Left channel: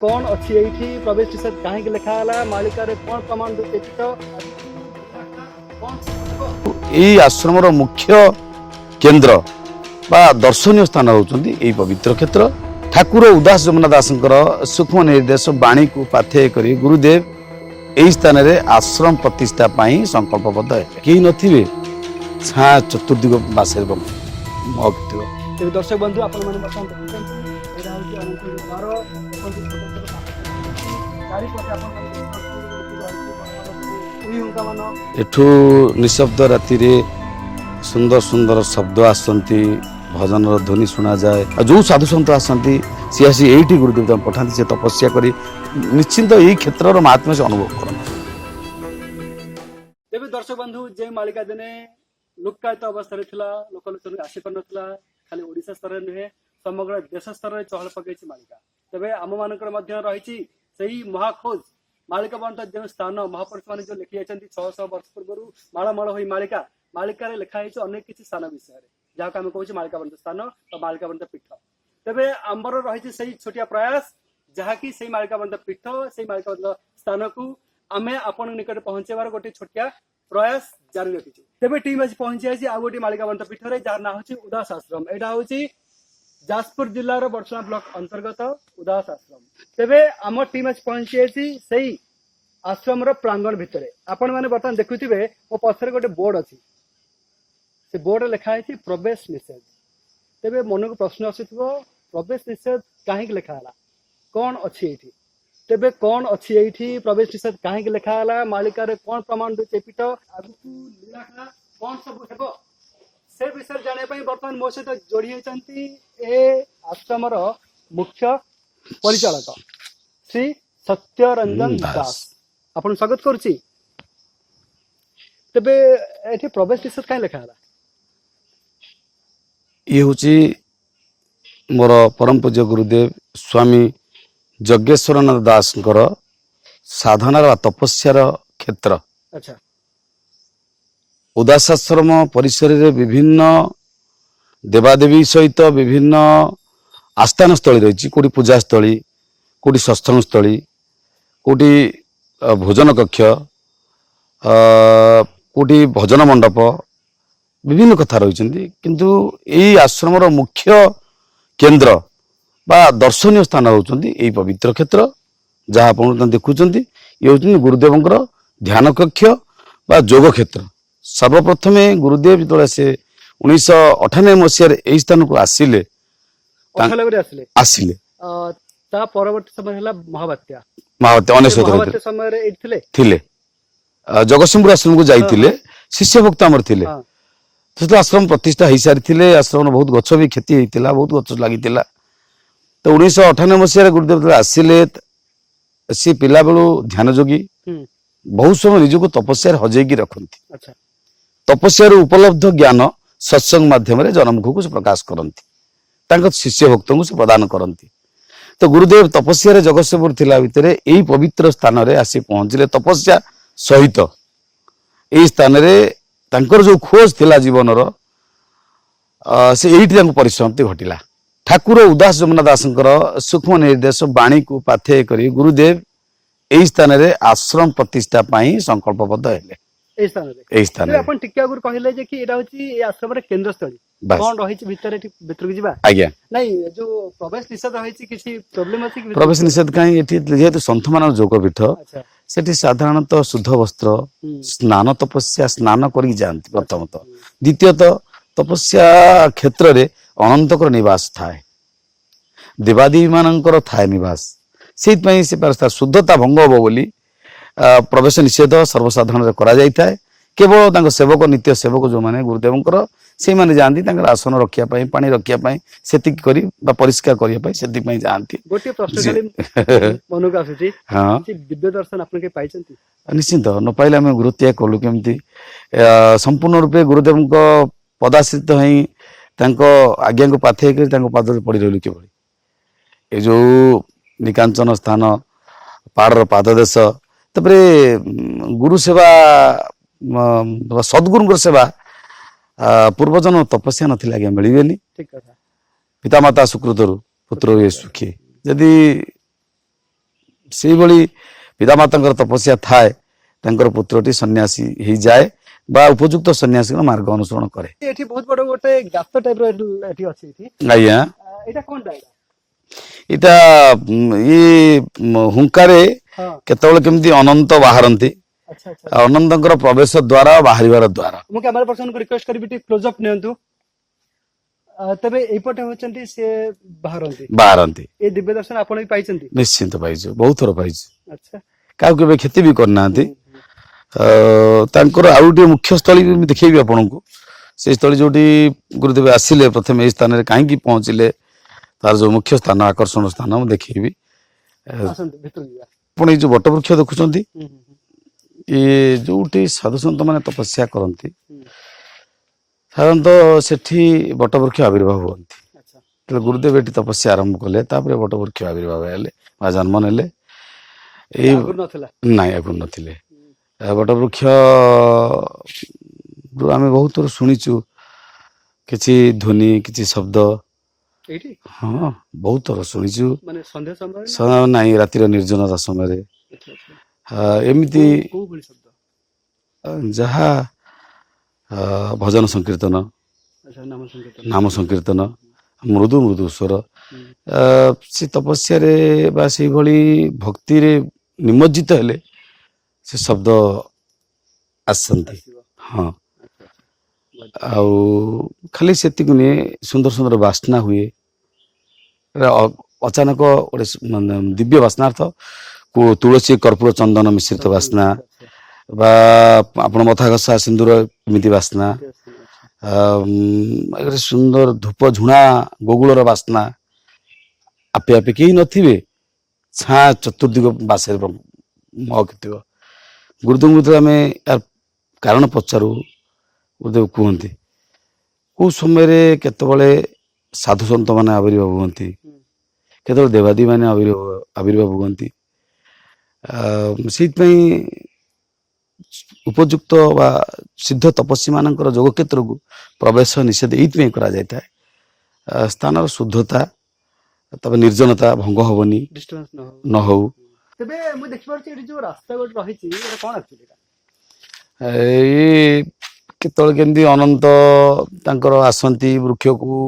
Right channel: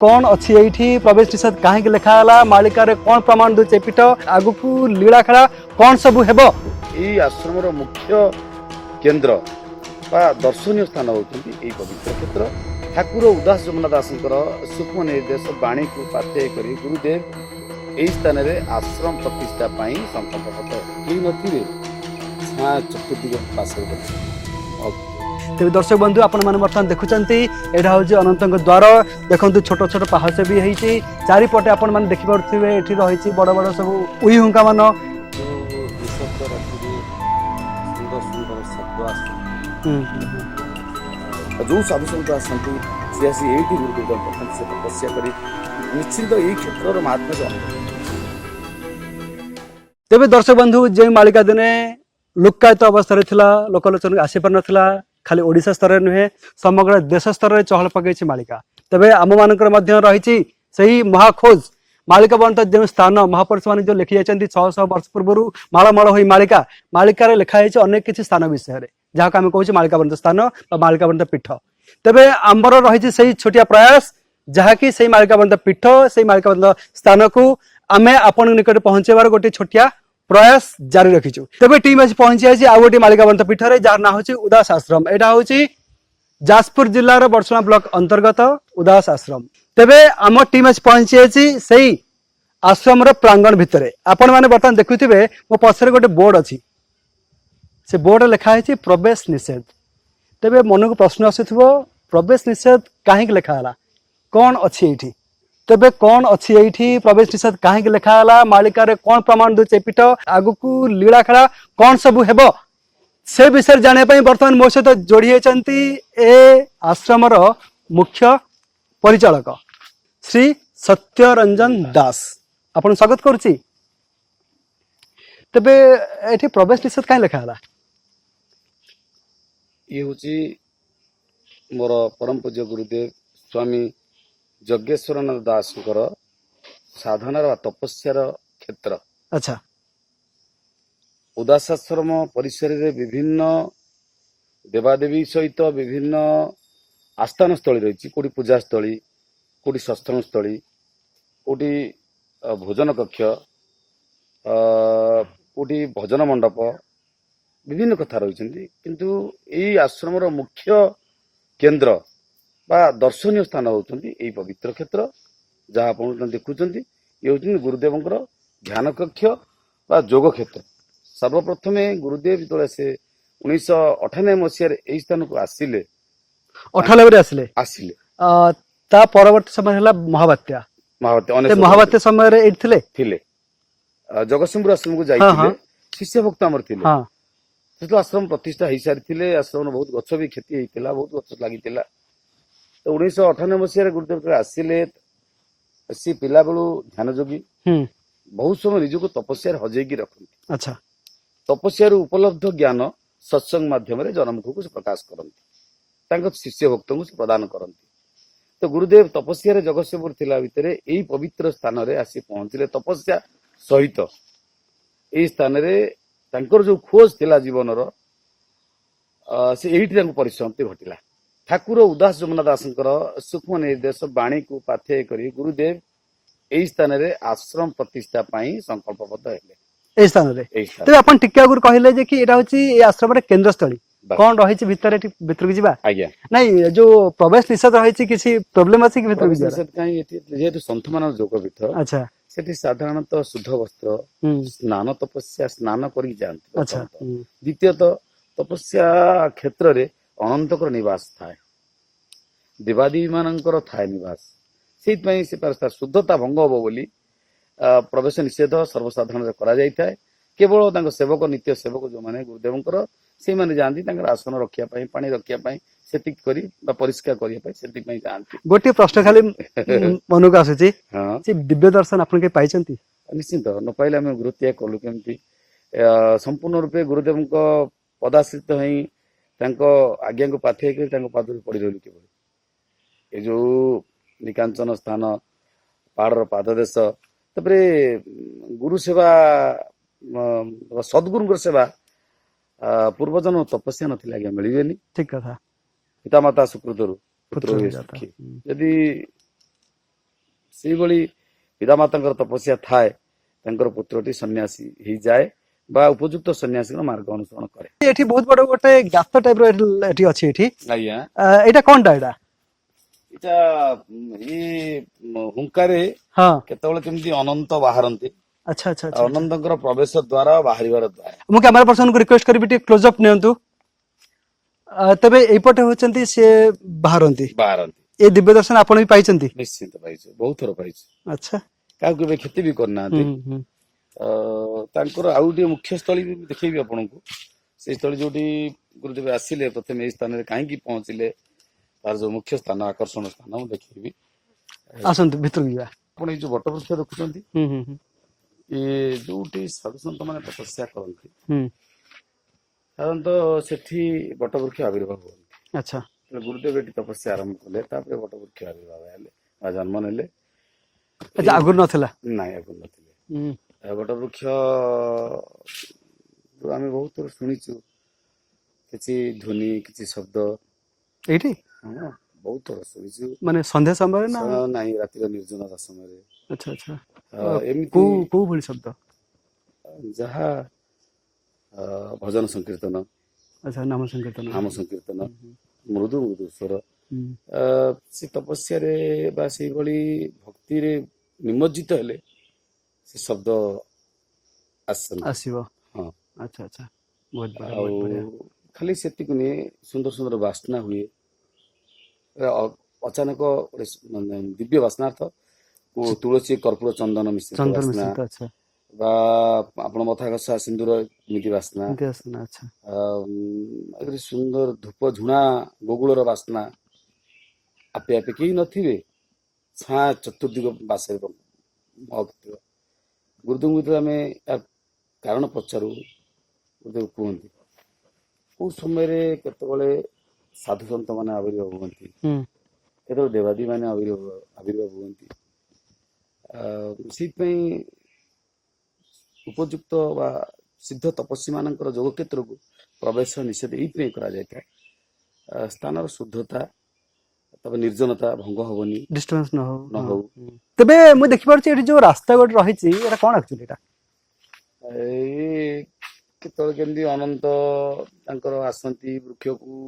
कौन अच्छी ये प्रवेश निषेध कहीं लिखाला मालिकार कौन प्रमाण दूचे पीठ आगु को लीला खेला कौन सब हेब यही आश्रम मुख्य केन्द्र बा दर्शनीय स्थान होती पवित्र क्षेत्र ठाकुर उदास जमुना दासंकर सूक्ष्म निर्देश बाणी को पाथेय कर गुरुदेव यही स्थान रे आश्रम प्रतिष्ठा पाई संकल्पबद्ध है कहीं नथिबे छा चतुर्दिग बासे तेज दर्शक बंधु आपण मैंने बर्तमान देखुं यहाँ हूँ अनंत द्वार देखो छोट छोट पहाड़ भी होती चारिपटे आपण मैंने देखिपे ये रही बड़ बड़ सब उई हुंका मान एठू निशब्द राति रे सुंदर सुंदर शब्द आसती भजन ध्वनि शुणा जाए जो साधु सन्त आसती सी आसी यही गुरुदेव पठाती से तपस्या कर निश्चिंत यही क्षेत्र महात्म्य से अनुभव कर तेज दर्शक बंधु जो मालिका दिने लुक्कायित अवस्था लोकलोचन आसी पार ना खाली ओडिशा स्तर नुहे समग्र देश स्तर में चहल पकई मालिका तेरे आम मान रही सही महाखोज मालिका बंत जो स्थान महापुरुष मैंने जो लिखी जाती 600 वर्ष पूर्व मालमाल हो मालिका मालिकार लिखाई अनेक किसी स्थान विषय जहाँ आम कहूँ मालिका बंत स्थान मालिका बंत पीठ तेरे आमर रही से छोटिया प्रयास जहाँकि से मालिका बंत पीठ से मालिका बंत स्थान को आम आपण निकट पहुंचेबार गोटे छोटिया प्रयास जारी रखीचु तेरे टीम आज पहुंची आई आउ गोटे मालिका बंत पीठ जार ना हूँ उदास आश्रम यहाँ हूँ जाजपुर जिलार बर्षणा ब्लॉक अंतर्गत उदास आश्रम तेबे आम टीम आज पहुंची आई सही आश्रम प्रांगण भितर आपण मैंने बर्तमान देखुथिबे मो पछरे गोटे बोर्ड अच्छी से बोर्ड लिखाई प्रवेश निषेध तेबे मन को प्रश्न आसुथिबो प्रवेश निषेध कहीं लिखाला कौन अच्छी ये तेबे कौन अच्छी ये प्रवेश निषेध कहीं लिखाला मालिकार कौन प्रमाण दूचे पीठ आगु को लीला खेला कौन सब हेब से विषय जाने बर्तमान मो सहित जोड़ी होती ए आश्रम मुख्य परिचालक श्री सत्यरंजन दास आपन स्वागत करुच्ची तेबे एठी प्रवेश निषेध कहीं लिखाला ये हूँ मोर परम पूज्य गुरुदेव स्वामी जज्ञेश्वरनाथ दास साधनार तपस्यार क्षेत्र अच्छा उदासाश्रम परिसर रे विभिन्न देवादेवी सहित विभिन्न आस्थान स्थली रही कोटी पूजास्थली कोटी सत्संग स्थली कोटी भोजन कक्ष कोटी भजन मंडप विभिन्न कथा रही किंतु यही आश्रम मुख्य केन्द्र बा दर्शनीय स्थान होती यही पवित्र क्षेत्र जहाँ आप देखुं ये हूँ गुरुदेव ध्यान कक्ष बा योग क्षेत्र सर्वप्रथम गुरुदेव जो से 1998 मसीह यही स्थान को आसिले 98 आसिले ता परवर्ती समय हला महाबात्या महाबात्या समय रे थिले जगतसिंहपुर आश्रम को जाइए शिष्य भक्त आमर थिले तो आश्रम प्रतिष्ठा हो सारी आश्रम बहुत गछ भी क्षति होता बहुत गछ लगी तो 1998 मसीह गुरुदेव आसिले सी पिला बेलू ध्यान जोगी बहुत समय निजक तपस्या हजेकी रखती अच्छा तपस्या उपलब्ध ज्ञान सत्संग माध्यम जनमुख को प्रकाश करती शिष्य भक्त को प्रदान करती तो गुरुदेव तपस्या जगतसिंहपुर थिला भितर यही पवित्र स्थान रे आसी पहुंचले तपस्या सहित यही स्थान रे तांकर जो खोज थिला जीवनर से यही परिसमाप्ति घटिला ठाकुर उदास जमुना दासंकर सूक्ष्म निर्देश बाणी को पाथेय कर गुरुदेव यही स्थान रे आश्रम प्रतिष्ठा पाई संकल्पबद्ध हेले ए स्थान रे अपन टिके आगुर कहले जे कि एटा होची ए आश्रम रे केंद्र स्थली कोन रही छि भीतर की जिबा आज्ञा नहीं जो प्रवेश निषेध रही छि किसी प्रॉब्लम अछि कि प्रवेश निषेध काई एठी जेहेतु संत मान जोग पीठ अच्छा सेठी साधारणतः शुद्ध वस्त्र स्नान तपस्या स्नान करी जानती प्रथमतः द्वितीयतः तपस्या क्षेत्र रे अनंतकर निवास थाए देवादेवी मानकर थाए निवास से शुद्धता भंग हम बोली प्रवेश निषेध सर्वसाधारण करा जाय थाए केवल सेवक नित्य सेवक जो माने गुरुदेव से माने जानती आसन रखिया पानी रखिया से परिष्कार करने जानती गोटे प्रश्न खाली मन को आसुची हां दिव्य दर्शन आपन के पाइचंती निश्चित न पाइले आम गुरुत्याग कलु केमती संपूर्ण रूपे गुरुदेव पदाश्रित हई आज्ञा को पाथे कर पाद पड़ रही कि ये जो निकांचन स्थान पहाड़ पाददेश तापरे गुरु सेवा सद्गुरु सेवा पूर्वजन तपस्या नथिला आज्ञा मिलबेनी ठीक कथा पितामाता सुकृतरु पुत्र हुए सुखी जदि ସେଇଭଳି ପିତାମାତାଙ୍କର ତପସ୍ୟା ଥାଏ ତାଙ୍କର ପୁତ୍ରଟି ସନ୍ନ୍ୟାସୀ ହେଇଯାଏ ବା ଉପଯୁକ୍ତ ସନ୍ନ୍ୟାସୀଙ୍କ ମାର୍ଗ ଅନୁସରଣ କରେ। ଏଠି ବହୁତ ବଡ ଗୋଟେ ଗାତ ଟାଇପ ର ଏଠି ଅଛି ଏଠି ଆଜ୍ଞା ଏଇଟା କଣଟା ଏଇଟା? ଏଇଟା ହୁଙ୍କାରେ ହଁ କେତେବେଳେ କେମିତି ଅନନ୍ତ ବାହାରନ୍ତି। ଆଚ୍ଛା ଆଚ୍ଛା ଅନନ୍ତଙ୍କର ପ୍ରବେଶ ଦ୍ୱାର ବାହାରିବାର ଦ୍ୱାର। ମୁଁ କ୍ୟାମେରା ପର୍ସନକୁ ରିକ୍ୱେଷ୍ଟ କରିବି ଟିକେ କ୍ଲୋଜ ଅପ୍ ନିଅନ୍ତୁ। ତେବେ ଏଇପଟେ ହଉଛନ୍ତି ସେ ବାହାରନ୍ତି ଏ ଦିବ୍ୟ ଦର୍ଶନ ଆପଣ ବି ପାଇଛନ୍ତି? ନିଶ୍ଚିନ୍ତ ପାଇଛୁ, ବହୁତ ଥର ପାଇଛୁ। ଆଚ୍ଛା କାହାକୁ କେବେ କ୍ଷତି ବି କରିନାହାନ୍ତି। ହୁଁ ତାଙ୍କର ଆଉ ଗୋଟିଏ ମୁଖ୍ୟ ସ୍ଥଳୀ ମୁଁ ଦେଖେଇବି ଆପଣଙ୍କୁ। ସେ ସ୍ଥଳୀ ଯୋଉଠି ଗୁରୁଦେବ ଆସିଲେ ପ୍ରଥମେ ଏଇ ସ୍ଥାନରେ କାହିଁକି ପହଞ୍ଚିଲେ, ତାର ଯୋଉ ମୁଖ୍ୟ ସ୍ଥାନ ଆକର୍ଷଣ ସ୍ଥାନ ମୁଁ ଦେଖେଇବି। ଆସନ୍ତୁ ଭିତରକୁ ଯିବା। ଆପଣ ଏଇ ଯୋଉ ବଟବୃକ୍ଷ ଦେଖୁଛନ୍ତି, ହୁଁ ହୁଁ ହୁଁ ଇଏ ଯୋଉଠି ସାଧୁସନ୍ଥ ମାନେ ତପସ୍ୟା କରନ୍ତି, ହୁଁ ସାଧାରଣତଃ ସେଠି ବଟବୃକ୍ଷ ଆବିର୍ଭାବ ହୁଅନ୍ତି। ଆଚ୍ଛା ତେଣୁ ଗୁରୁଦେବ ଏଠି ତପସ୍ୟା ଆରମ୍ଭ କଲେ, ତାପରେ ବଟବୃକ୍ଷ ଆବିର୍ଭାବ ହେଲେ ବା ଜନ୍ମ ନେଲେ। ଏଟା ଆଗରୁ ନଥିଲା? ନାଇଁ ଆଗରୁ ନଥିଲେ। ହୁଁ ବଟବୃକ୍ଷ ଆମେ ବହୁତ ଥର ଶୁଣିଛୁ କିଛି ଧ୍ୱନି କିଛି ଶବ୍ଦ। ଏଇଠି ହଁ ବହୁତ ଥର ଶୁଣିଛୁ। ମାନେ ସନ୍ଧ୍ୟା ସମୟରେ ନା? ନାଇଁ ରାତିର ନିର୍ଜନତା ସମୟରେ ଆଚ୍ଛା ଆଚ୍ଛା ଏମିତି କୋଉ ଭଳି ଶବ୍ଦ? ଯାହା ଭଜନ ସଂକୀର୍ତ୍ତନ, ଆଚ୍ଛା ନାମ ସଂକୀର୍ତ୍ତନ। ନାମ ସଂକୀର୍ତ୍ତନ, ମୃଦୁ ମୃଦୁ ସ୍ୱର। ହୁଁ ସେ ତପସ୍ୟାରେ ବା ସେଇଭଳି ଭକ୍ତିରେ ନିମଜ୍ଜିତ ହେଲେ ସେ ଶବ୍ଦ ଆସନ୍ତି। ଆସିବ। ହଁ ଆଚ୍ଛା ଆଚ୍ଛା ବହୁତ ବଢିଆ ଆଉ ବହୁତ ବଢିଆ। ଖାଲି ସେତିକି ନୁହେଁ, ସୁନ୍ଦର ସୁନ୍ଦର ବାସ୍ନା ହୁଏ। ଅଚାନକ ଗୋଟେ ଦିବ୍ୟ ବାସ୍ନାର୍ଥ ତୁଳସୀ କର୍ପୂର ଚନ୍ଦନ ମିଶ୍ରିତ ଚନ୍ଦନ ବାସ୍ନା ମିଶ୍ରିତ ଆଚ୍ଛା ବା ଆପଣ ମଥା ଘଷା ସିନ୍ଦୁର ଏମିତି ବାସ୍ନା, ଏମିତି ଆସେନା ଆଚ୍ଛା ଗୋଟେ ସୁନ୍ଦର ଧୂପ ଝୁଣା ବଗୁଳର ବାସ୍ନା। ଆପେ ଆପେ କେହି ନଥିବେ, ଛାଁ ଚତୁର୍ଦିଗ ବାସରେ ମହକିଥିବ। ଗୁରୁଦେବଙ୍କୁ ଯେତେବେଳେ ଆମେ ୟାର କାରଣ ପଚାରୁ, ଗୁରୁଦେବ କୁହନ୍ତି କୋଉ ସମୟରେ କେତେବେଳେ ସାଧୁସନ୍ଥ ମାନେ ଆବିର୍ଭାବ ହୁଅନ୍ତି, ହୁଁ କେତେବେଳେ ଦେବାଦେବୀ ମାନେ ଆବିର୍ଭାବ ହୁଅନ୍ତି। ସେଇଥିପାଇଁ ଉପଯୁକ୍ତ ବା ସିଦ୍ଧ ତପସ୍ୱୀ ମାନଙ୍କର ଯୋଗ କ୍ଷେତ୍ରକୁ ପ୍ରବେଶ ନିଷେଧ ଏଇଥିପାଇଁ କରାଯାଇଥାଏ, ସ୍ଥାନର ଶୁଦ୍ଧତା, ତାପରେ ନିର୍ଜନତା ଭଙ୍ଗ ହବନି, ଡିଷ୍ଟର୍ବାନ୍ସ ନ ହଉ। ନ ହଉ। ତେବେ ମୁଁ ଦେଖିପାରୁଛି ଏଠି ଯୋଉ ରାସ୍ତା ଗୋଟେ ରହିଛି, ଏଟା କଣ ଆକ୍ଚୁଆଲି? ଏଟା ଏଇ କେତେବେଳେ କେମିତି ଅନନ୍ତ ତାଙ୍କର ଆସନ୍ତି ବୃକ୍ଷକୁ,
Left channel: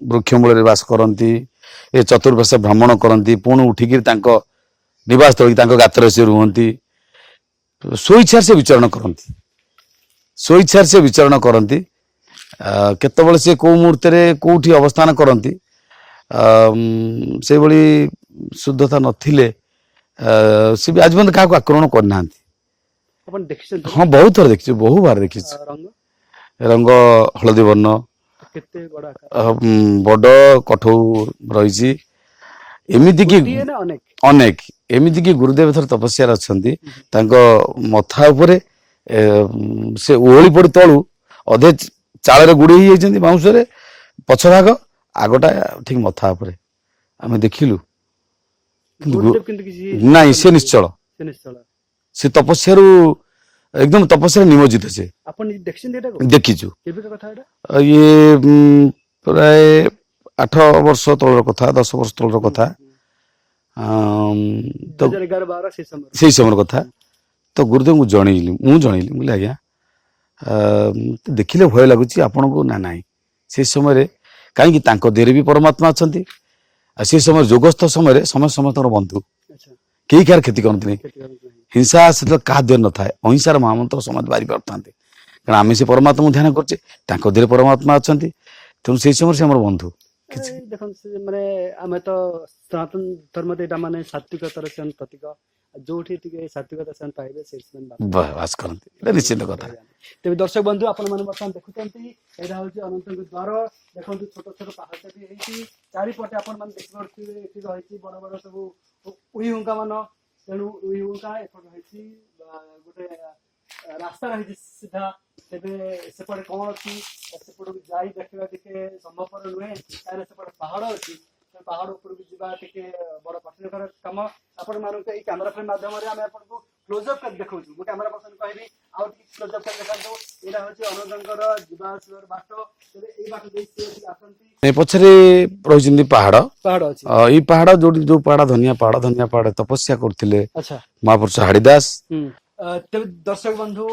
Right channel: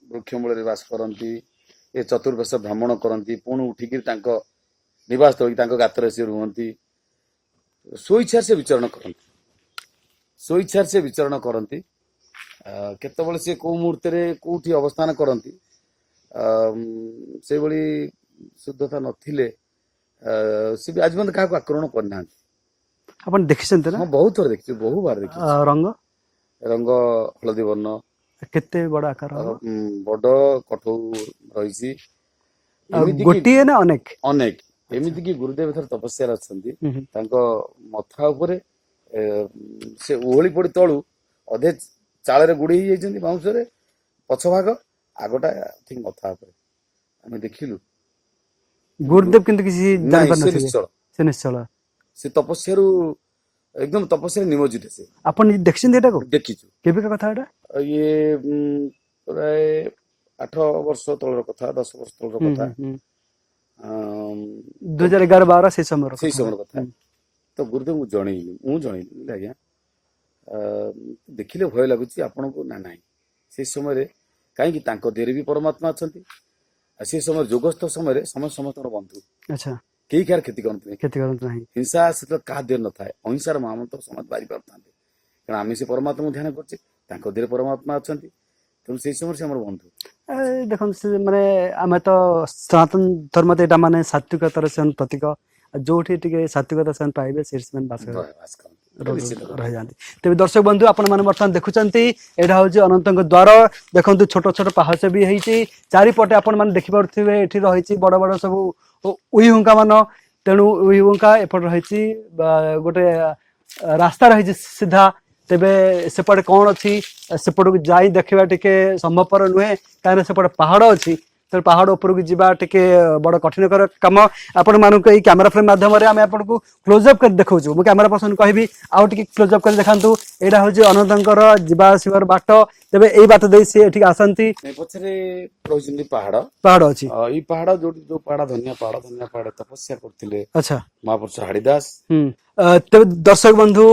ବୃକ୍ଷ ମୂଳରେ ବାସ କରନ୍ତି, ଏ ଚତୁର୍ପାର୍ଶ୍ୱ ଭ୍ରମଣ କରନ୍ତି, ପୁଣି ଉଠିକିରି ତାଙ୍କ ନିବାସ ସ୍ଥଳୀ ତାଙ୍କ ଗାତରେ ସେ ରୁହନ୍ତି। ସ୍ୱଇଚ୍ଛାରେ ସେ ବିଚରଣ କରନ୍ତି, ସ୍ୱଇଚ୍ଛାରେ ସେ ବିଚରଣ କରନ୍ତି। କେତେବେଳେ ସେ କୋଉ ମୁହୂର୍ତ୍ତରେ କୋଉଠି ଅବସ୍ଥାନ କରନ୍ତି, ସେଇଭଳି ଶୁଦ୍ଧତା ନଥିଲେ ସେ ବି ଆଜି ପର୍ଯ୍ୟନ୍ତ କାହାକୁ ଆକ୍ରମଣ କରିନାହାନ୍ତି। ଆପଣ ଦେଖିଛନ୍ତି ନା? ହଁ ବହୁତ ଥର ଦେଖିଛୁ, ବହୁ ବାର ଦେଖିଛି। ରଙ୍ଗ ରଙ୍ଗ ହଳଦୀ ବର୍ଣ୍ଣ, କେତେ ବଡ ଆକାର? ବଡ କଠଉ ରହିଛି। ଏମିତି କି ଗୋଟିଏ ନା ଅନେକ? ଅନେକ, ଏମିତି କି ଗୁରୁଦେବ ଥର ତପସ୍ୟାରେ ଅଛନ୍ତି, ହୁଁ ହୁଁ ତାଙ୍କ ମଥା ଉପରେ ସେ ଓହଳି ପଡି ତଳୁ ଅଧେ ଚାଳରେ ଗୁଡେଇ ହେଇଯାଇଛନ୍ତି ବାଉଁଶରେ, ପଛ ଭାଗ ଆଗଟା ଠିକ ମଥା ଉପରେ ଆମେ ଦେଖିଲୁ। ଗୁରୁଦେବ କିନ୍ତୁ କିଛି ନାଇଁ ସେ ଜାଣିପାରିନଥିବେ? ନିଶ୍ଚଳ, ସେ ନିଶ୍ଚଳ। ସେ ତପସ୍ୟାରୁ ଏକଦମ ତପସ୍ୟାରେ ନିମଜ୍ଜିତ। ସେ ଆପଣ ଦେଖିଛନ୍ତି ଏଟାକୁ? ଦେଖିଛୁ। କେବେକା କଥା ଏଟା? ଇଏ ପ୍ରାୟ 8 ବର୍ଷ ତଳର କଥା, 10 ବର୍ଷ ତଳର ହୁଁ କଥା। ହୁଁ ହୁଁ ତ 2011-12 ସେଇ ସମୟର ସେଇ ସମୟର କଥା। ହୁଁ। ତ ଗୁରୁଦେବଙ୍କୁ ଜଣେଇଲି, ମୁଁ ଜଣେଇଲି, ମୁଁ କହିଲି ଆଜ୍ଞା ଦେଖିଲେ ଭୟ ଲାଗୁଛି ଆପଣଙ୍କୁ ନା ନାହିଁ। ସେ ସମୟରେ କାହିଁକି ତାଙ୍କ ଦେହରେ ବି ପରମାତ୍ମା ଅଛନ୍ତି, ଆଉ ସେ ସମୟରେ ଯୋଗସ୍ଥ ସମୟରେ ସମସ୍ତଙ୍କର ବନ୍ଧୁ, ଆଚ୍ଛା କେହି କାହାର କ୍ଷତି କରନ୍ତିନି। କ୍ଷତି କରନ୍ତୁ ନାହିଁ। ହିଂସା ସେତେବେଳେ କାହା ଦେହରେ ନଥାଏ, ଅହିଂସାର ମହାମନ୍ତ୍ର ସମସ୍ତେ ବାରି ପାରୁଥାନ୍ତି। କାରଣ ଆମେ ସେ ପରମାତ୍ମାକୁ ଧ୍ୟାନ କରୁଛେ, ତାଙ୍କ ଦେହରେ ପରମାତ୍ମା ଅଛନ୍ତି, ତେଣୁ ସେଇ ସମୟରେ ସେ ଆମର ବନ୍ଧୁ। ଦେଖନ୍ତୁ ସେ ମାନେ ଆମେ ତ ସନାତନ ଧର୍ମ ଏଇଟା ମାନେ ସାତ୍ଵିକତାର ସେମାନେ ପ୍ରତୀକ, ଯୋଉଠି ଟିକେ ସାତ୍ଵିକତା ସେମାନେ ପାଇବେ ସେଠି ସେମାନେ ବାସ କରନ୍ତି, ଏଟା ନିଶ୍ଚିତ କଥା। ରହିଯାଆନ୍ତି। ତେବେ ଦର୍ଶକ ବନ୍ଧୁ ଆପଣ ମାନେ ବର୍ତ୍ତମାନ ଦେଖୁଛନ୍ତି, ଏଇଟା ହଉଛି ଅନନ୍ତଙ୍କ ଦ୍ୱାର। ଦେଖନ୍ତୁ ଛୋଟ ଛୋଟ ପାହାଚ ବି ହେଇଛି, ଚାରିପଟେ ଆପଣ ମାନେ ଦେଖିପାରୁଥିବେ ଏଠି ରହିଛି ବଡ ବଡ ସବୁ ଉଇ ହୁଙ୍କା ମାନ। ତେଣୁ ଉଇ ହୁଙ୍କା ଏପଟେ ରହିଛି ବା ଗୋଟେ ରାସ୍ତା ରହିଛି ସିଧା। ତେବେ ସେପଟେ କଣ ଅଛି, ସେପଟକୁ ଯାଇ ଦେଖିବା ଟିକେ ସମ୍ଭବପର ନୁହେଁ, କାହିଁକିନା ସେପଟେ ପାହାଡ ଅଛି। ତେଣୁ ପାହାଡ଼ ଉପରକୁ ଯିବା ଟିକେ ବଡ଼ କଠିନକର କାମ। ଆପଣମାନଙ୍କୁ ଏଇ କ୍ୟାମେରା ଫ୍ରେମ୍ ମାଧ୍ୟମରେ ଆମେ ଆପଣଙ୍କୁ କ୍ଲୋଜଅପ୍ କରି ଦେଖାଉଛୁ। ମୁଁ କ୍ୟାମେରା ପର୍ସନକୁ କହିବି ଆଉ ଟିକେ କ୍ଲୋଜଅପ୍ କରି ଦେଖାନ୍ତୁ। ଏଇଟା ହେଉଛି ଅନନ୍ତଙ୍କର ଯିବା ଆସିବାର ବାଟ। ତେବେ ଏଇ ବାଟ ଦେଇ ସିଏ ଏଠିକି ଆସନ୍ତି। ଏ ପଛରେ ରହିଛନ୍ତି ପାହାଡ। ପାହାଡ଼ ଅଛି। ଏଇ ପାହାଡ ଯୋଉ ପାହାଡ ଧନିଆ ପାହାଡ ତପସ୍ୟା କରୁଥିଲେ ଆଚ୍ଛା। ମହାପୁରୁଷ ହାଡିଦାସ। ତେବେ ଦର୍ଶକ ବନ୍ଧୁ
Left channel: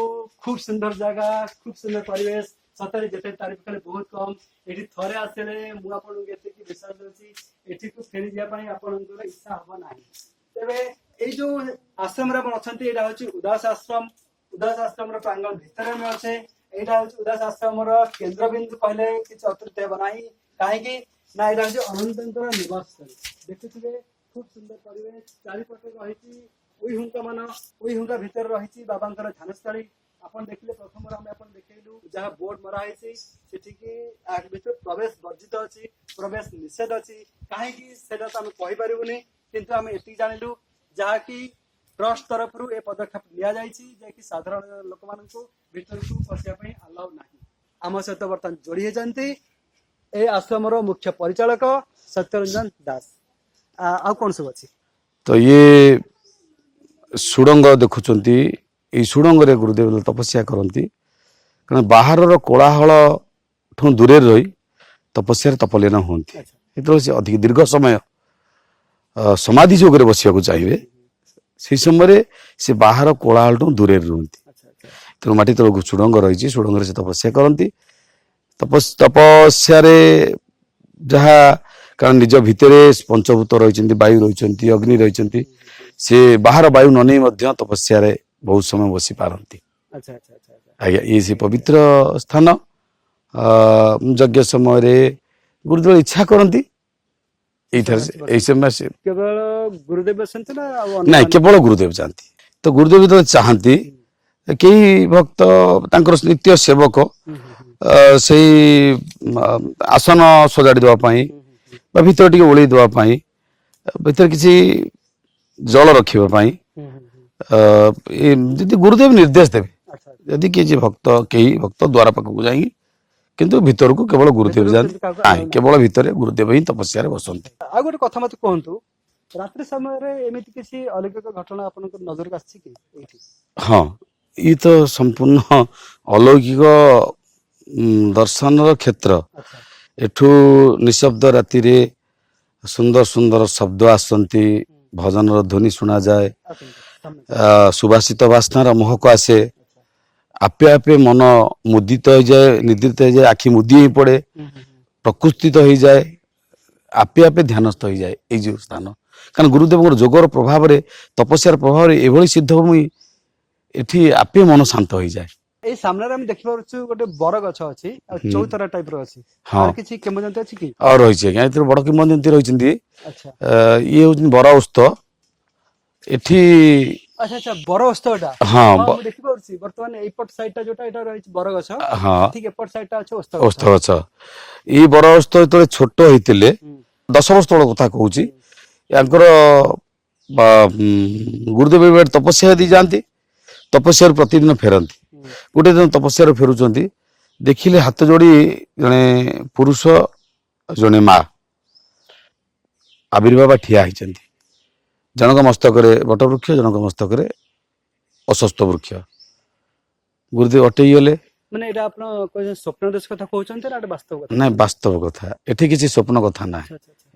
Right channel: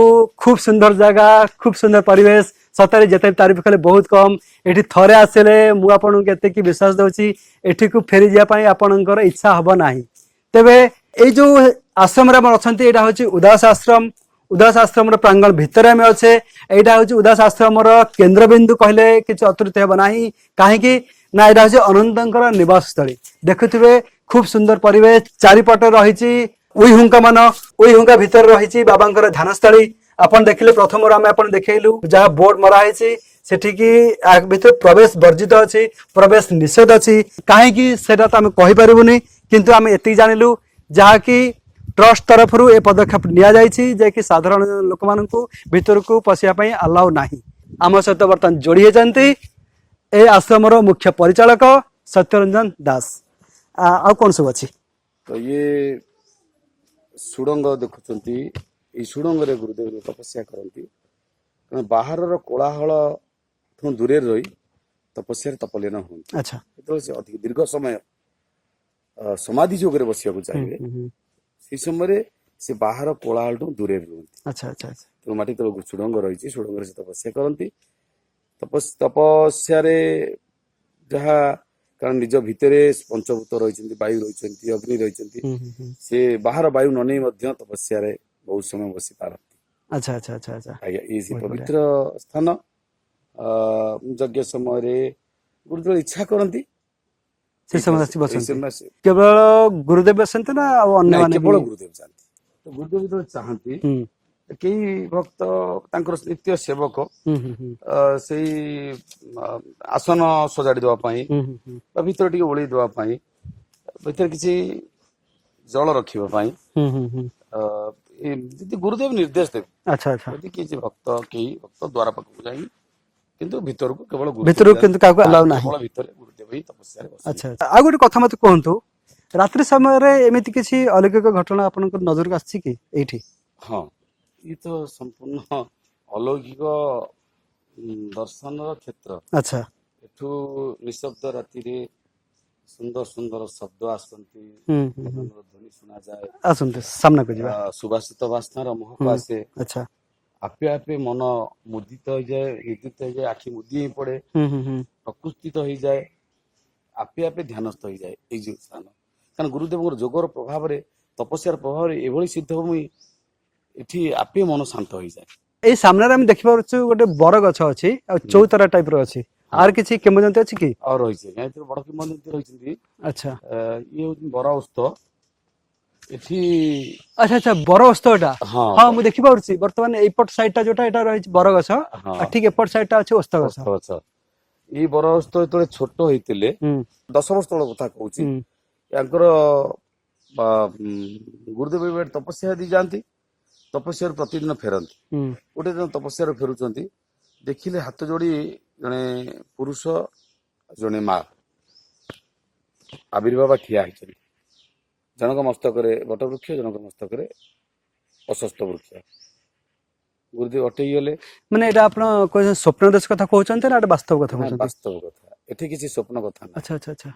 খুব সুন্দর জায়গা, খুব সুন্দর পরিবেশ। সତରେ যেতে তারিফ কলে বহুত কম। এটি থরে আসলে মু আপনাকে এতকি বিশ্বাস দেছি এঠিকু ফেরি যাওয়া পাই আপনার ইচ্ছা হব না। তেবে এই যে আশ্রমে আমার অনেক এটা হচ্ছে উদাস আশ্রম। উদাস আশ্রমর প্রাঙ্গণ ভিতরে আমি অছে। এইটা হচ্ছে উদাস আশ্রমর কেন্দ্রবিন্দু কহিলে কিছু অত্রুতি হব না। কাহিঁকি না এটা হচ্ছে অনন্তঙ্কর নিবাসস্থলী। দেখুথিবে খুব সুন্দর পরিবেশ। চারিপটে রয়েছে উইহুঙ্কা মান। উইহুঙ্কা ভিতরে রয়েছে বাবাঙ্কর ধ্যানস্থলী। ଆପଣ ଦେଖିଲେ ପ୍ରଥମରୁ ଆମେ ଆପଣ ଦେଖେଇଲୁ ଯାହା ବୋର୍ଡ ମରା ହେଇଛି ସେଠିକି ଭିତରେ ପ୍ରବେଶ ବର୍ଜିତ ଅଛି, ପ୍ରବେଶ ନିଷେଧ ଅଛି। କାହିଁକି ସେଟା ତ ଆମେ କହିପାରିବୁନି, କିନ୍ତୁ ଆମେ ଏତିକି ଜାଣିଲୁ ଯାହାକି ଟ୍ରଷ୍ଟ ତରଫରୁ ଏ ପଦକ୍ଷେପ ନିଆଯାଇଛି ଯେ କି ସାଧାରଣ ଲୋକମାନଙ୍କୁ ଭିତରକୁ ପଶିବା ପାଇଁ ଆଲାଉ ନାହିଁ। ଆମ ସହିତ ବର୍ତ୍ତମାନ ଯୋଡ଼ି ହେଇଛନ୍ତି ଏ ଆଶ୍ରମର ମୁଖ୍ୟ ପରିଚାଳକ ସତ୍ୟରଞ୍ଜନ ଦାସ। ଆଉ କଣ ସବୁ ଅଛି? ତ ଇଏ ସୁଡ଼ଙ୍ଗ ଦେଖୁଛନ୍ତି। ଏଇ ସୁଡ଼ଙ୍ଗରେ ଗୁରୁଦେବ ତପସ୍ୟା କରନ୍ତି। କାରଣ ବାହାରର କୋଳାହଳ ଠୁ ଦୂରରେ ରହି ତପସ୍ୟାରେ ତପଲୀନ ହୁଅନ୍ତି। ଆଚ୍ଛା। ଯେତେବେଳେ ସେ ଅଧିକ ଦୀର୍ଘ ସମୟ ସମାଧି ଯୋଗରେ ବସିବାକୁ ଚାହିଁବେ ସେଇ ସମୟରେ ସେ ବାହାର କୋଳାହଳଠୁ ଦୂରରେ ରୁହନ୍ତି। ଆଚ୍ଛା ଆଚ୍ଛା। ତେଣୁ ମାଟି ତଳକୁ ସୁଡ଼ଙ୍ଗ ରହିଛି, ସୁଡ଼ଙ୍ଗରେ ସେ ତପସ୍ୟା କରନ୍ତି। ତପସ୍ୟାରେ ଯାହା କାରଣ ନିଜ ଭିତରେ ପଞ୍ଚଭୂତ ରହିଛନ୍ତି, ବାୟୁ ରହିଛନ୍ତି, ଅଗ୍ନି ରହିଛନ୍ତି। ସେ ବାହାର ବାୟୁ ନ ନେଇ ମଧ୍ୟ ତପସ୍ୟାରେ ବହୁତ ସମୟ ବସି ପାରନ୍ତି। ଆଚ୍ଛା ଆଚ୍ଛା ଆଚ୍ଛା ଆଚ୍ଛା। ଆଜ୍ଞା, ଇଏ ସେ ପବିତ୍ର ସ୍ଥାନ। ଯଜ୍ଞ ସମୟରେ ଗୁରୁଦେବ ଇଚ୍ଛା କରନ୍ତି ଏଇ ସମୟ କେବଳ ଗୁରୁଦେବ ଆସନ୍ତି ନା ଆଉ ନାଇଁ, କେବଳ ଗୁରୁଦେବ ଯାଆନ୍ତି। ତ ଗୁରୁଦେବ ଯେତେବେଳେ ଚାହାନ୍ତି କେହି ଭକ୍ତ ତାଙ୍କର ନିତ୍ୟ ସେବକ ସେଇ ଆସନ ସଜାଡ଼ି ଦେବା ପାଇଁ ବା ଭିତରେ ଟିକେ ଓଳେଇ ଦେବା ପାଇଁ, ଭିତରେ କିଛି ଜଳ ରଖିବା ପାଇଁ ଯଦି ଗୁରୁଦେବ ନିର୍ଦ୍ଦେଶ ଦେବେ, ଯଦି କେହି ଭକ୍ତ ଦ୍ୱାର ପାଖକୁ ଯାଇକି କିନ୍ତୁ ଭିତରକୁ କେବଳ ଗୁରୁଦେବ କେବଳ ଭିତରେ ଗୁରୁଦେବ ହିଁ ତପସ୍ୟାରେ ବସନ୍ତି। ଆଉ ଗୋଟେ କଥା ମତେ କୁହନ୍ତୁ, ରାତ୍ରି ସମୟରେ ଏମିତି କିଛି ଅଲୌକିକ ଘଟଣା ଆପଣଙ୍କ ନଜରକୁ ଆସିଛି କି ଏଇଠି? ହଁ, ଇଏ ତ ସମ୍ପୂର୍ଣ୍ଣ ଅଲୌକିକ ଦର୍ଶନର କ୍ଷେତ୍ର। ଆଚ୍ଛା। ଏଠୁ ନିଶବ୍ଦ ରାତିରେ ସୁନ୍ଦର ସୁନ୍ଦର ଶବ୍ଦ ଆସନ୍ତି, ଭଜନର ଧ୍ୱନି ଶୁଣାଯାଏ, ସୁବାସିତ ବାସ୍ନାର ମହକ ଆସେ। ଆପେ ଆପେ ମନ ମୁଦିତ ହେଇଯାଏ, ନିଦ୍ରିତ ହେଇଯାଏ, ଆଖି ମୁଦି ହେଇ ପଡେ, ପ୍ରକୃତିତ ହେଇଯାଏ, ଆପେ ଆପେ ଧ୍ୟାନସ୍ଥ ହେଇଯାଏ ଏଇ ଯୋଉ ସ୍ଥାନ। କାରଣ ଗୁରୁଦେବଙ୍କର ଯୋଗର ପ୍ରଭାବରେ, ତପସ୍ୟାର ପ୍ରଭାବରେ ଏଭଳି ସିଦ୍ଧଭୂମି ଏଠି ଆପେ ମନ ଶାନ୍ତ ହେଇଯାଏ। ଏଇ ସାମ୍ନାରେ ଆମେ ଦେଖିପାରୁଛୁ ଗୋଟେ ବର ଗଛ ଅଛି ଆଉ ଚୌତରା ଟାଇପ ର ଅଛି। ଆର କିଛି କିମ୍ବଦନ୍ତୀ ଅଛି କି? ଆଉ ରହିଛି ଆଜ୍ଞା, ଏଥିରେ ବଡ କିମ୍ବଦନ୍ତୀ ରହିଛନ୍ତି। ଆଚ୍ଛା। ଇଏ ହଉଛନ୍ତି ବର ଓସ୍ତ ଏଠି। ଆଚ୍ଛା ଆଚ୍ଛା, ବର ଓସ୍ତ ଏଟା। ହଁ, ମୁଁ ଦେଖିପାରୁଛି ବର୍ତ୍ତମାନ ଏଇପଟ ସାଇଡ ଟା ଯୋଉଟା ଏଟା ରହିଛି ବରଗଛ, ଠିକ ଏପଟ ସାଇଡ ଟା ଅଛି ଓସ୍ତ ଗଛ। ଏଇ ବର ଓସ୍ତ ଯେତେବେଳେ ଛୋଟ ହେଇଥିଲେ, 10 ବର୍ଷ ତଳ କଥା କହୁଛି, ୟାଙ୍କର ଗୁରୁଦେବ ତପସ୍ୟା ଦେଇ ଯାଆନ୍ତି, ତପସ୍ୟାରୁ ପ୍ରତିଦିନ ଫେରନ୍ତି। ଗୋଟେ ଦିନ ତପସ୍ୟାରୁ ଫେରୁଛନ୍ତି, ଦେଖିଲେ ହାତ ଯୋଡି ଜଣେ ପୁରୁଷ ଜଣେ ମା ଆବିର୍ଭାବ ଠିଆ ହେଇଛନ୍ତି। ଜଣଙ୍କ ମସ୍ତକରେ ବଟବୃକ୍ଷ, ଜଣଙ୍କ ମସ୍ତକରେ ଅଶ୍ୱସ୍ଥ ବୃକ୍ଷ। ଗୁରୁଦେବ ଅଟେଇ ଗଲେ। ମାନେ ଏଇଟା ଆପଣ ସ୍ୱପ୍ନ ଦେଶ କଥା କହୁଛନ୍ତି ନା ବାସ୍ତବ କଥା? ନାଇଁ, ବାସ୍ତବ କଥା। ଏଠି କିଛି ସ୍ୱପ୍ନ କଥା ନାହିଁ,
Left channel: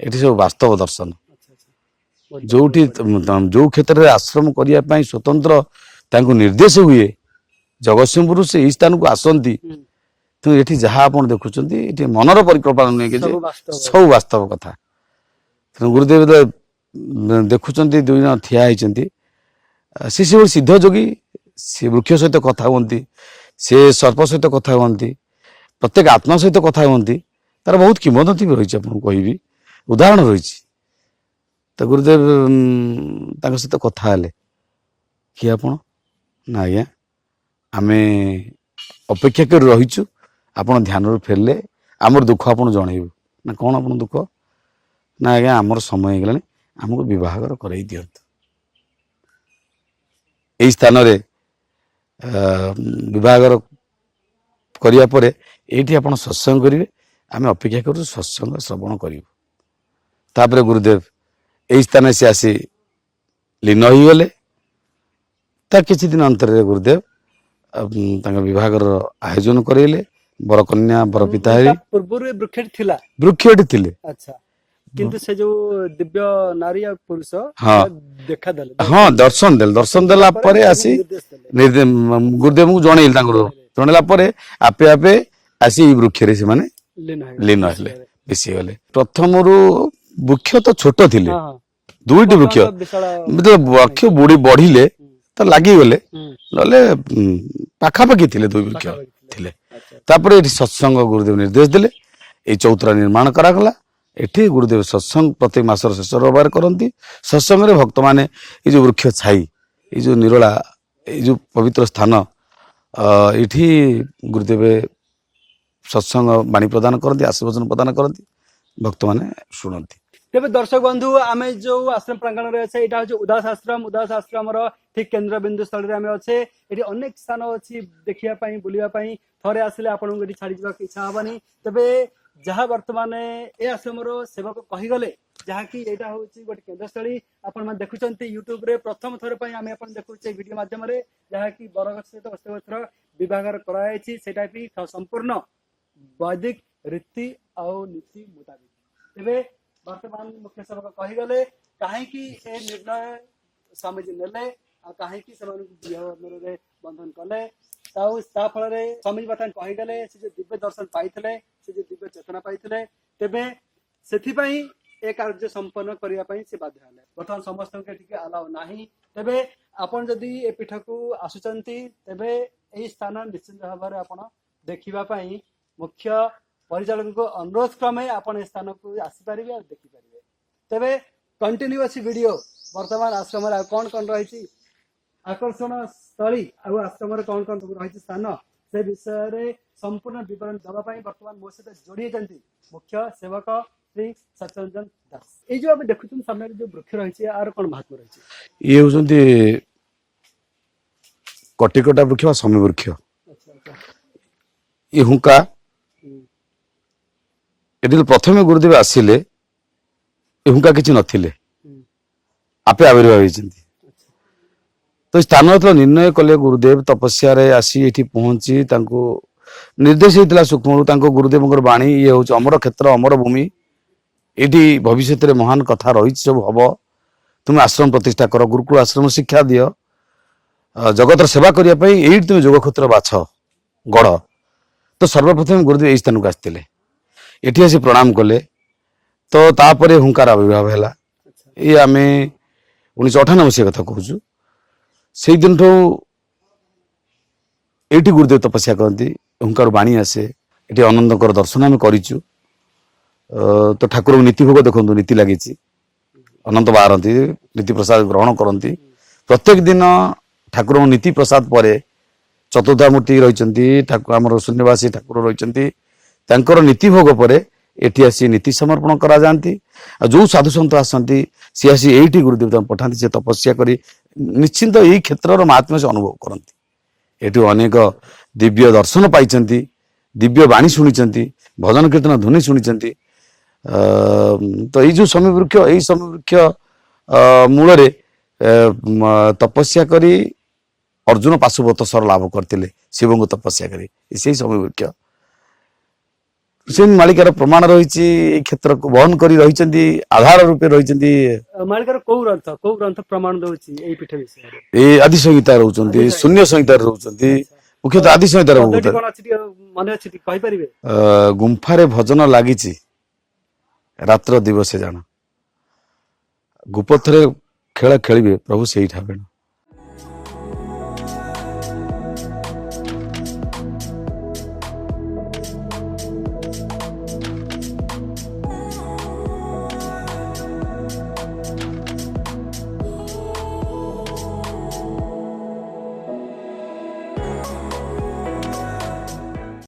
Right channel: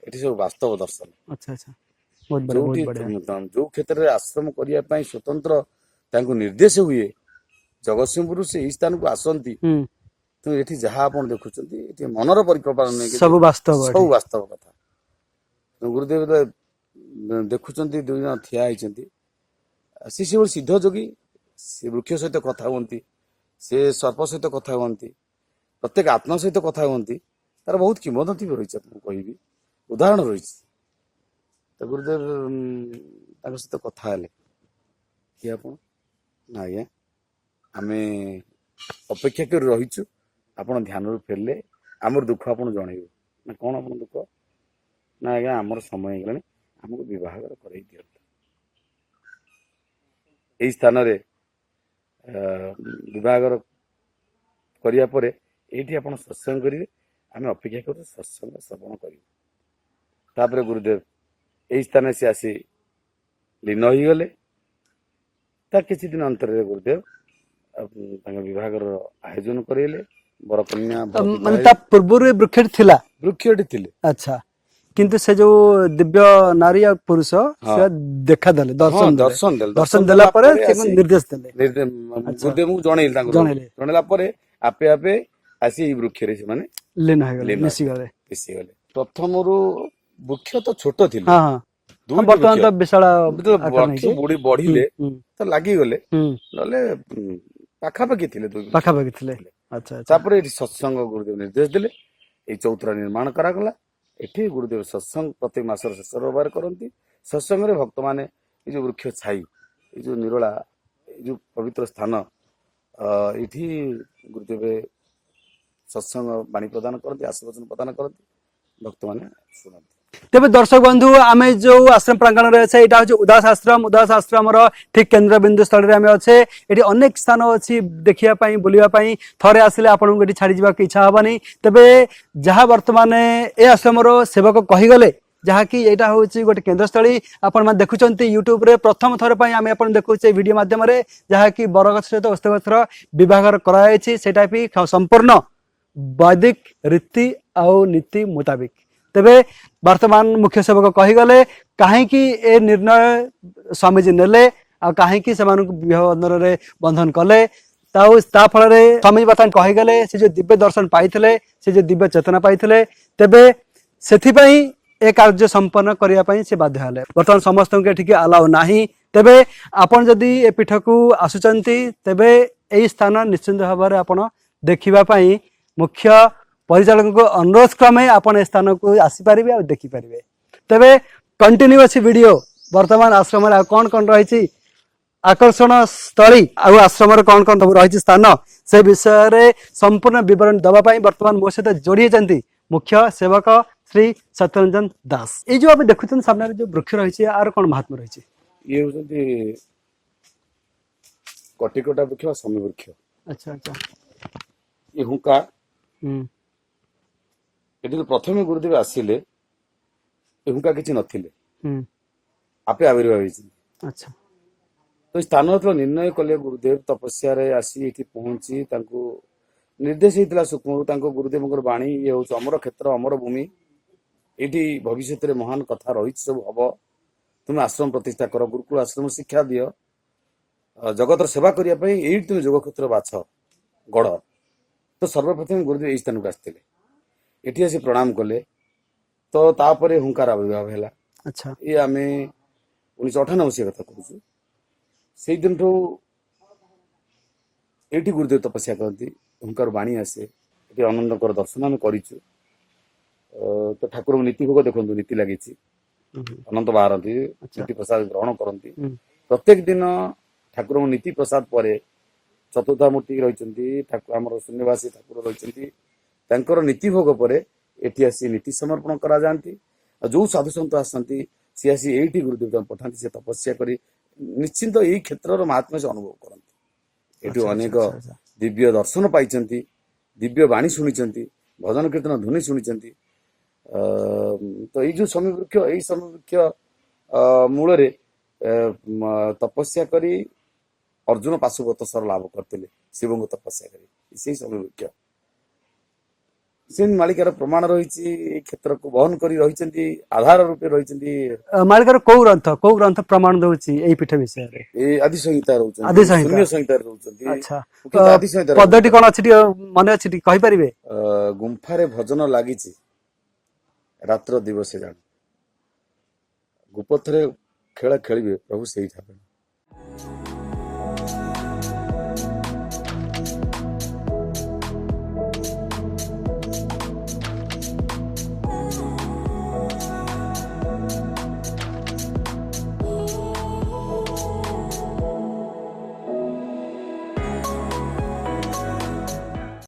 ଏଠି ସବୁ ବାସ୍ତବ ଦର୍ଶନ। ଯୋଉଠି ଯୋଉ କ୍ଷେତ୍ରରେ ଆଶ୍ରମ କରିବା ପାଇଁ ସ୍ୱତନ୍ତ୍ର ତାଙ୍କୁ ନିର୍ଦ୍ଦେଶ ହୁଏ, ଜଗତସିଂହପୁରରୁ ସେ ଏଇ ସ୍ଥାନକୁ ଆସନ୍ତି। ତେଣୁ ଏଠି ଯାହା ଆପଣ ଦେଖୁଛନ୍ତି ଏଠି ମନର ପରିକଳ୍ପନା ନୁହେଁ, ସବୁ ବାସ୍ତବ କଥା। ତେଣୁ ଗୁରୁଦେବ ଦେଖୁଛନ୍ତି, ଦୁଇ ଜଣ ଠିଆ ହେଇଛନ୍ତି। ସେ ସେଭଳି ସିଦ୍ଧ ଯୋଗୀ, ସେ ବୃକ୍ଷ ସହିତ କଥା ହୁଅନ୍ତି, ସେ ସର୍ପ ସହିତ କଥା ହୁଅନ୍ତି, ପ୍ରତ୍ୟେକ ଆତ୍ମା ସହିତ କଥା ହୁଅନ୍ତି। ତାର ବହୁତ କିମ୍ବଦନ୍ତୀ ବି ରହିଛି, ଆପଣଙ୍କୁ କହିବି, ଉଦାହରଣ ରହିଛି। ତ ଗୁରୁଦେବ ତାଙ୍କ ସହିତ କଥା ହେଲେ। କିଏ ଆପଣ? ନା ଆଜ୍ଞା, ଆମେ ଅପେକ୍ଷା କରି ରହିଛୁ, ଆପଣ ଧ୍ୟାନରୁ ଫେରିଲେ ଆମର ଦୁଃଖ ଆପଣ ଜଣେଇବୁ। ନା କଣ ଆପଣ ଦୁଃଖ? ନା ଆଜ୍ଞା, ଆମର ସମୟ ହେଇଗଲାଣି, ଆମକୁ ବିବାହର କରେଇ ଦିଅନ୍ତୁ। ଏଇ ସ୍ଥାନରେ ବିବାହର କରିବା ପରେ ଏଇଠି ଆପଣ ସତ୍ସଙ୍ଗ କରିବେ, ଆମେ ଅପେକ୍ଷା କରୁଛୁ ସତ୍ସଙ୍ଗ ଶ୍ରବଣ କରିବୁ। ତାପରେ ଗୁରୁଦେବ ଏଇ ସ୍ଥାନରେ ସେ ଆସି ଲୀନ ହୋଇଗଲେ। ତା କିଛି ଦିନ ଅନ୍ତରରେ ଗୁରୁଦେବ ତାଙ୍କ ବିଭାଘର ଆୟୋଜନ କରେଇଲେ। ବରକନ୍ୟା ବର ପିତା ତା ପୂର୍ବରୁ ଏ ବୃକ୍ଷଟି ଥିଲା। ବୃକ୍ଷଟି ଥିଲେ। ଆଚ୍ଛା, କିନ୍ତୁ ସେ ଯୋଉ ଦିବ୍ୟ ନାରୀ ଆଉ ପୁରୁଷ ହଁ। ସେ ଦେଖାଦେଲେ, ହଁ ଦର୍ଶନ ଦେଲେ। ଦର୍ଶନ ଦେଲା ପରେ ଆସି ନିର୍ଦ୍ଦେଶ ଦେଲେ, ଗୁରୁଦେବଙ୍କୁ ଜଣେଇଲେ। ତାଙ୍କର ଜଣେଇଲେ। ଜଣେଇଲା ପରେ ଆପେ ଆପେ ଆସି ଏଇ ବୃକ୍ଷରେ ସେମାନେ ଲୀନ ଲୀନ ହେଇଗଲେ, ହେଲେ, ମିଶିଗଲେ। ପ୍ରଥମରୁ ବୃକ୍ଷ ତ ଛୋଟ ଥିଲେ, ହଁ ହଁ। ଦୁଇଟି ବର୍ତ୍ତମାନ ବୃକ୍ଷ ତ ବିଶାଳ ବୃକ୍ଷ ବଢିଲେ ହୁଁ, ତ ଲାଗିଗଲେ, ହୁଁ, ନହେଲେ ପାଖାପାଖି ଥିଲେ ଦୁଇ ବୃକ୍ଷ ପାଖାପାଖି ଥିଲେ। ଥିଲେ। ଆଚ୍ଛା ଆଚ୍ଛା। ତାପରେ ଏଠି ସତ୍ସଙ୍ଗ ଗୁରୁଦେବ ନିର୍ଦ୍ଦେଶ ଦେଲେ, ଏଇ ଚୌତରା ନିର୍ମାଣ କରାଗଲା। ଏଠି ଗୁରୁଦେବ ସତ୍ସଙ୍ଗ ପ୍ରତ୍ୟେକ ମାସର ଶେଷ ରବିବାର କରନ୍ତି। ସତ୍ସଙ୍ଗରେ ଭକ୍ତମାନେ ଏଇ ଯୋଉ ବୃକ୍ଷ ଛାଇ, ଏଇ ଯୋଉ ନିରୋଳା, ଏଇ ଯୋଉ ପବିତ୍ର ସ୍ଥାନ, ଏଇଠି ଗୁରୁଦେବ ସତ୍ସଙ୍ଗ ବାଣୀ ପ୍ରଦାନ କରନ୍ତି, ଆଶୀର୍ବଚନ ପ୍ରଦାନ କରନ୍ତି, ଭକ୍ତମାନେ ଶୁଣନ୍ତି। ତେବେ ଦର୍ଶକ ବନ୍ଧୁ, ଆମେ ଯୋଉ ଆଶ୍ରମ ପ୍ରାଙ୍ଗଣରେ ଅଛେ, ଏଇଟା ହଉଛି ଉଦାସ ଆଶ୍ରମ। ଉଦାସ ଆଶ୍ରମର ଠିକ କେନ୍ଦ୍ରବିନ୍ଦୁ ସ୍ଥଳରେ ଆମେ ଅଛେ। ଏଠି ଅନେକ ସ୍ଥାନ ଅଛି ଦେଖିବା ପାଇଁ, ବୁଲିବା ପାଇଁ। ଥରେ ଆସିଲେ ଆପଣଙ୍କୁ ଏଠି ଛାଡି ଯିବାକୁ ଇଚ୍ଛା ହବନି। ତେବେ ଯାହା ବର୍ତ୍ତମାନ ଏ ଆଶ୍ରମର ସେବକ କହିଗଲେ, ଯାହାକି ଏଇଟା ହଉଛି ଗୋଟେ କେନ୍ଦ୍ରସ୍ଥଳୀ। ଆପଣମାନେ ଦେଖୁଛନ୍ତି ୟୁଟ୍ୟୁବରେ ପ୍ରଥମ ଥର ପାଇଁ ଆମେ ଆପଣ ଦେଖୁଛେ ଭିଡିଓ ମାଧ୍ୟମରେ, ଯାହାକି ବରଗଛ ସହିତ ଓସ୍ତ ଗଛର ବିଭାଘର କରାଯାଇଛି। ସେଇଟା ବି ସମ୍ପୂର୍ଣ୍ଣ ବୈଦିକ ରୀତି ଆଉ ନୀତି ମୁତାବିକ। ତେବେ ବର୍ତ୍ତମାନ ମୁଖ୍ୟ ସେବକ କହିଗଲେ, କାହିଁକି ଏ ନିର୍ଣ୍ଣୟ ସ୍ୱାମୀଜୀ ନେଲେ ଆଉ କାହିଁକି ସେମାନଙ୍କୁ ବିବାହ ବନ୍ଧନରେ ବନ୍ଧନ କଲେ, ତା ଫଳରେ ସ୍ୱାମୀଜୀ ବର୍ତ୍ତମାନ କହିଗଲେ ସେ ଯୋଉ ଦିବ୍ୟ ଦର୍ଶନ ପାଇଥିଲେ, ସେ ଯୋଉ ଦିବ୍ୟ ଚେତନା ପାଇଥିଲେ, ତେବେ ସେଥିପାଇଁ ଏ କାର୍ଯ୍ୟ ସମ୍ପନ୍ନ କରିବା ପାଇଁ ସେ ବାଧ୍ୟ ହେଲେ। ବର୍ତ୍ତମାନ ସମସ୍ତଙ୍କୁ ଏଠିକି ଆଲାଉ ନାହିଁ। ତେବେ ଆପଣ ଯଦି ଏ ପୀଠକୁ ଆସୁଛନ୍ତି, ତେବେ ଏଇ ସ୍ଥାନ ନିଶ୍ଚିନ୍ତ ଭାବରେ ଆପଣ ଦେଖିବା ପାଇଁ ମୁଖ୍ୟ ପରିଚାଳକଙ୍କୁ ଅନୁରୋଧ କ୍ରମେ ଆପଣ ଏ ସ୍ଥାନକୁ ଆସିପାରିବେ ଆଉ ଦେଖିପାରିବେ। ତେବେ କଣ୍ଟିନ୍ୟୁ ଅଛି ଭିଡିଓ। ବର୍ତ୍ତମାନ ଆଶ୍ରମରେ ଆଉ କଣ କଣ ରହିଛି ଆକର୍ଷଣ ସ୍ଥଳୀ, ଆଉ ଆଶ୍ରମରେ କଣ କଣ ସବୁ ରହିଛି ସ୍ଥାନ, ସେ ବିଷୟରେ ସମ୍ପୂର୍ଣ୍ଣ ବିବରଣୀ ଦେବା ପାଇଁ ବର୍ତ୍ତମାନ ମୋ ସହିତ ଯୋଡି ହେଇଛନ୍ତି ମୁଖ୍ୟ ସେବକ ଶ୍ରୀ ସତ୍ୟରଞ୍ଜନ ଦାସ। ଏଇ ଯୋଉ ଆମେ ଦେଖୁଛନ୍ତି ସାମ୍ନାରେ ଯୋଉ ବୃକ୍ଷ ରହିଛି, ଆର କଣ ମହାତ୍ମ୍ୟ ରହିଛି? ଇଏ ହଉଛନ୍ତି କଟିକଟା ବୃକ୍ଷ ବା ସମୀ ବୃକ୍ଷ। ଆଚ୍ଛା ଆଚ୍ଛା। ଇଏ ହୁଙ୍କା। ହୁଁ। ଏଠି ପ୍ରଥମେ ଗୁରୁଦେବ ଆସିଲେ, ଏ ହୁଙ୍କା କିଛି ନଥିଲେ, ହୁଁ। ଆପେ ଆବିର୍ଭାବ ହେଇଛନ୍ତି। ଆଚ୍ଛା। ତ ସ୍ଥାନ ଯେତେବେଳେ ନିର୍ଣ୍ଣୟ କଲେ, ଗୁରୁଦେବ ତପସ୍ୟାରେ ଆସି ଏଠି ପହଞ୍ଚି ତାଙ୍କୁ ନିର୍ଦ୍ଦେଶ ହେଇଥିଲା ସୂକ୍ଷ୍ମରୁ, ତାଙ୍କ ଗୁରୁଦେବଙ୍କର ବାଣୀ, ଇଏ ହଉଛି ଅମର କ୍ଷେତ୍ର, ଅମର ଭୂମି, ଏଇଠି ଭବିଷ୍ୟତରେ ମହାନ କଥା ରହିଛି, ସବୁ ହବ। ତୁମେ ଆଶ୍ରମ ପ୍ରତିଷ୍ଠା କର, ଗୁରୁକୁଳ ଆଶ୍ରମ ଶିକ୍ଷା ଦିଅ, ଜଗତର ସେବା କରିବା ପାଇଁ ଏଇଠି ତୁମେ ଯୋଗ କ୍ଷେତ୍ର ବାଛ, ଗଢ। ତ ସର୍ବପ୍ରଥମେ ଗୁରୁଦେବ ଏଇ ସ୍ଥାନକୁ ଆସିଥିଲେ, ଏଠି ଆସି ପ୍ରଣାମ କଲେ। ତ ତାପରେ ହୁଙ୍କାର ଆବିର୍ଭାବ ହେଲା। ଆଚ୍ଛା। ଏଇ ଆମେ 1998 ମସିହା କଥା କହୁଛୁ। ସେଇ ଦିନଠୁ ଏଇଠି ଗୁରୁଦେବ ତପସ୍ୟା କରନ୍ତି, ହୁଙ୍କାର ବାଣୀ ଆସେ। ଏଠି ଅନନ୍ତଙ୍କର ଦର୍ଶନ ଆମେ କରିଛୁ। ତ ଠାକୁରଙ୍କୁ ନୀତି ଭୋଗ ଦେଖନ୍ତୁ, ନୀତି ଲାଗିଛି, ଅନନ୍ତ ବାହାରନ୍ତି, ନୀତି ପ୍ରସାଦ ଗ୍ରହଣ କରନ୍ତି। ପ୍ରତ୍ୟେକ ଦିନ ଠାକୁରଙ୍କ ନୀତି ପ୍ରସାଦ ପରେ ଚତୁର୍ଦ୍ଧାମୂର୍ତ୍ତି ରହିଛନ୍ତି, ଆମର ଶୂନ୍ୟବାସୀ ଠାକୁର ରହିଛନ୍ତି, ତାଙ୍କର ନୀତି ଭୋଗ ପରେ ଏଠି ଆସି ନୀତି ସମର୍ପଣ କରାଯାଆନ୍ତି। ଆଉ ଯୋଉ ସାଧୁସନ୍ଥ ଆସନ୍ତି, ସିଏ ଆସି ଏଇଠି ଗୁରୁଦେବ ତାଙ୍କୁ ପଠାନ୍ତି, ସେ ତପସ୍ୟା କରି ନିଶ୍ଚିନ୍ତ ଏଇ କ୍ଷେତ୍ରର ମହାତ୍ମ୍ୟ ସେ ଅନୁଭବ କରନ୍ତି। ଏଠୁ ଅନେକ ଦିବ୍ୟ ଦର୍ଶନ ପାଇଛନ୍ତି, ଦିବ୍ୟ ବାଣୀ ଶୁଣିଛନ୍ତି, ଭଜନ କୀର୍ତ୍ତନ ଧ୍ୱନି ଶୁଣିଛନ୍ତି। ତ ଏଇ ଯୋଉ ସମୀ ବୃକ୍ଷ, ଏଇ ସମୀ ବୃକ୍ଷ ମୂଳରେ ତପସ୍ୟା କରି ଅର୍ଜୁନ ପାଶୁପତ ସର ଲାଭ କରିଥିଲେ, ଶିବଙ୍କୁ ତପସ୍ୟା କରି, ସେଇ ସମୀ ବୃକ୍ଷ। ସେ ମାଳିକାର ପ୍ରମାଣ ରହିଛି, ଏଇ କ୍ଷେତ୍ରକୁ ବହନ କରି ରହିଛନ୍ତି, ଆଧାର ରୂପେ ରହିଛନ୍ତି। ମାଳିକାର କୋଉ ଗ୍ରନ୍ଥ ପ୍ରମାଣ ଦଉଛି ଏଇ ପୀଠ ବିଷୟରେ? ଏଇ ଆଦି ସଂହିତା ରହୁଛନ୍ତି, ଆଦି ସଂହିତା। ଶୂନ୍ୟ ସଂହିତାରେ ରହୁଛନ୍ତି, ଆଚ୍ଛା। ମୁଖ୍ୟତଃ ଆଦି ସଂହିତାରେ ପଦ୍ୟଟି କଣ ଅଛି ଟିକେ ମନେ ଅଛି, ଟିକେ କହିପାରିବେ? ଗୁମ୍ଫାରେ ଭଜନ ଲାଗିଛି, ରାତ୍ର ଦିବସେ ଜାଣ, ଗୁପଥରେ ଖେଳ ଖେଳିବେ ପ୍ରଭୁ ସେଇଠା ବେଣ।